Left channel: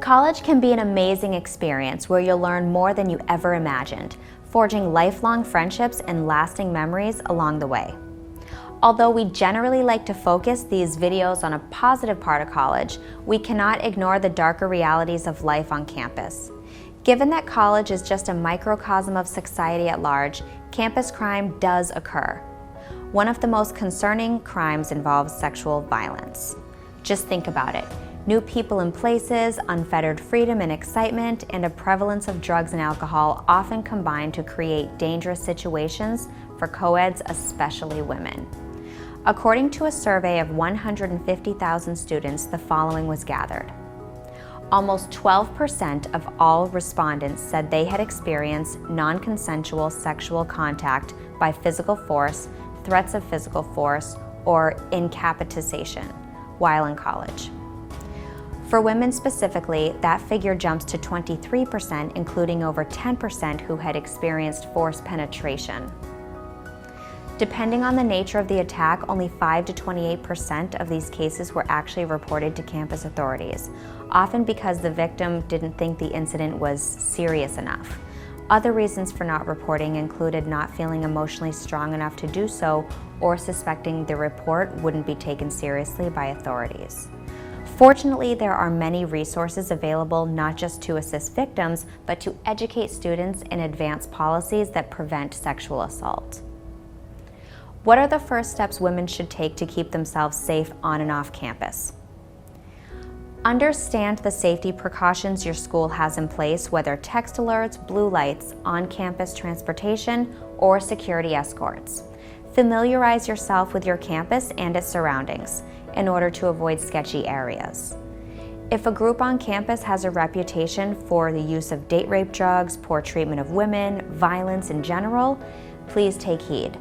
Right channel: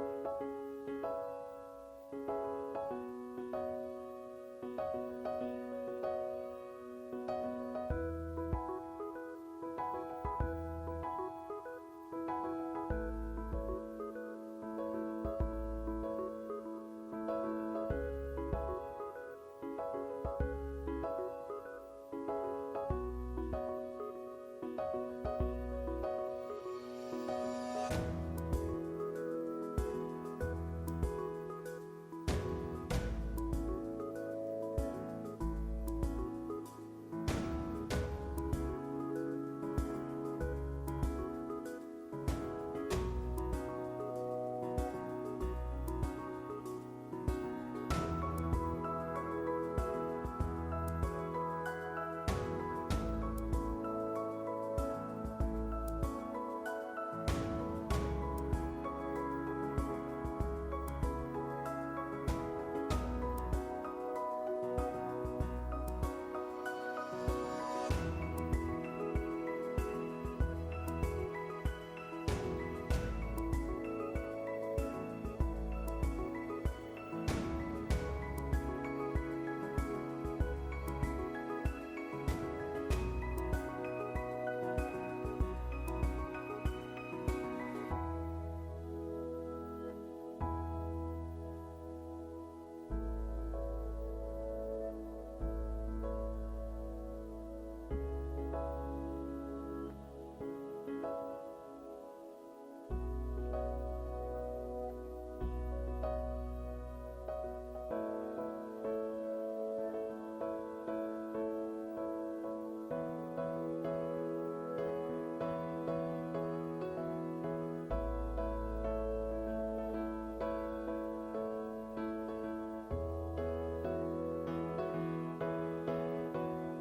College can be an amazing experience where you'll learn more than you ever imagined, forging lifelong friendships and lasting memories along the way. Although we generally like to focus these videos on a positive part of college, we cannot ignore the darker realities of life on campus. Given that college is just a microcosm of society at large, campus crime does occur. One of the most concerning crimes involves sexual violence. Just think about it. New people in places, unfettered freedom and excitement, and a prevalence of drugs and alcohol often combine to create dangerous situations for co-eds, especially women. According to a survey of 150,000 students, the following was gathered. Almost 12% of all respondents said they had experienced non-consensual sexual contact by physical force, threats of physical force, or incapacitation while in college. For women specifically, that figure jumps to 23%, including over 10% who had experienced forced penetration. Depending on the nature of the attack, only 5 to 28% of these cases were actually reported to campus authorities, often because the victim didn't think the incident was serious enough. Other reasons for not reporting included not feeling emotionally strong enough to do so or suspecting the report wouldn't be taken seriously by authorities. Fortunately, there are many resources available not just to assist victims, but to educate students in advance policies that prevent sexual assault. What are the first steps women should take to keep themselves safe on and off campus? Understand the safety precautions your school has in place, whether text alerts, blue lights, on-campus transportation, or security escorts. Familiarize yourself with your campus and its surroundings in order to avoid sketchy areas. If a group on campus has a reputation for the use of date rape drugs, poor treatment of women, violence in general, please take heed.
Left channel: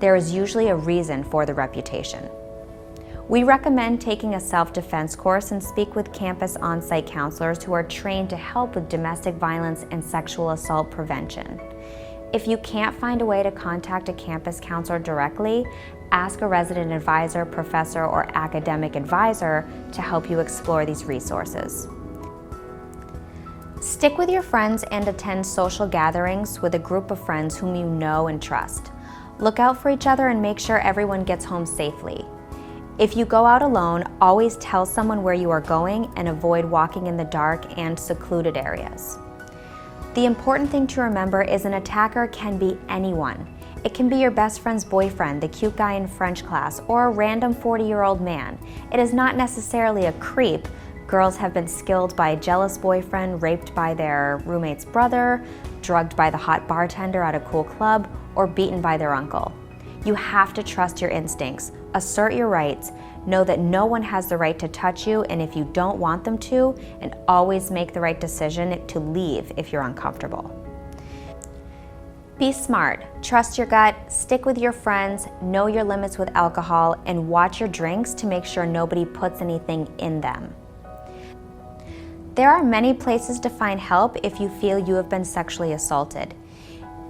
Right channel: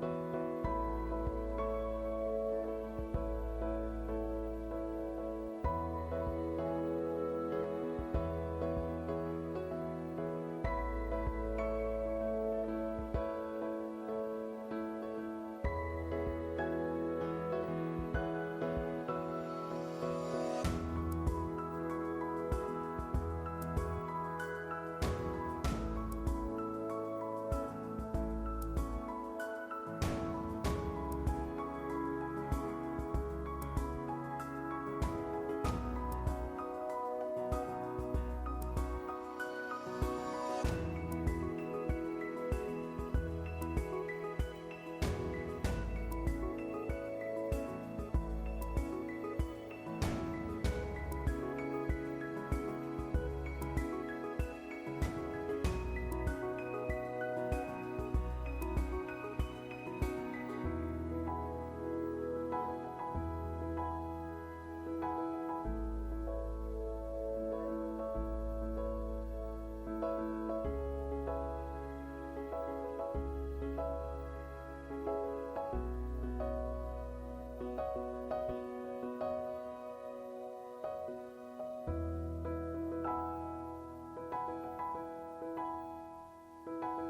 There is usually a reason for the reputation. We recommend taking a self-defense course and speak with campus on-site counselors who are trained to help with domestic violence and sexual assault prevention. If you can't find a way to contact a campus counselor directly, ask a resident advisor, professor, or academic advisor to help you explore these resources. Stick with your friends and attend social gatherings with a group of friends whom you know and trust. Look out for each other and make sure everyone gets home safely. If you go out alone, always tell someone where you are going and avoid walking in the dark and secluded areas. The important thing to remember is an attacker can be anyone. It can be your best friend's boyfriend, the cute guy in French class, or a random 40-year-old man. It is not necessarily a creep. Girls have been skilled by a jealous boyfriend, raped by their roommate's brother, drugged by the hot bartender at a cool club, or beaten by their uncle. You have to trust your instincts, assert your rights, know that no one has the right to touch you, and if you don't want them to, and always make the right decision to leave if you're uncomfortable. Be smart, trust your gut, stick with your friends, know your limits with alcohol, and watch your drinks to make sure nobody puts anything in them. There are many places to find help if you feel you have been sexually assaulted.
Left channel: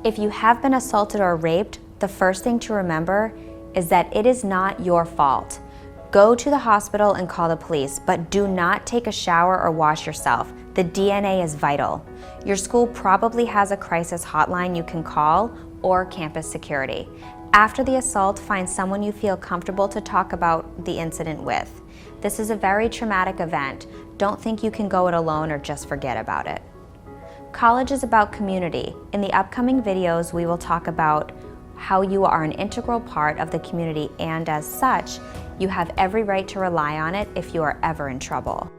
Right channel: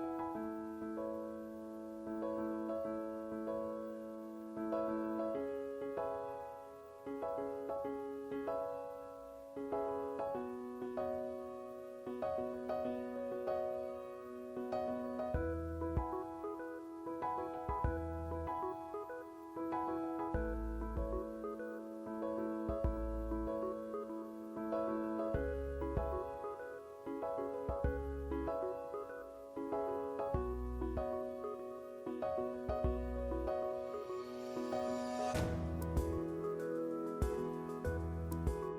If you have been assaulted or raped, the first thing to remember is that it is not your fault. Go to the hospital and call the police, but do not take a shower or wash yourself. The DNA is vital. Your school probably has a crisis hotline you can call or campus security. After the assault, find someone you feel comfortable to talk about the incident with. This is a very traumatic event. Don't think you can go it alone or just forget about it. College is about community. In the upcoming videos, we will talk about how you are an integral part of the community, and as such, you have every right to rely on it if you are ever in trouble.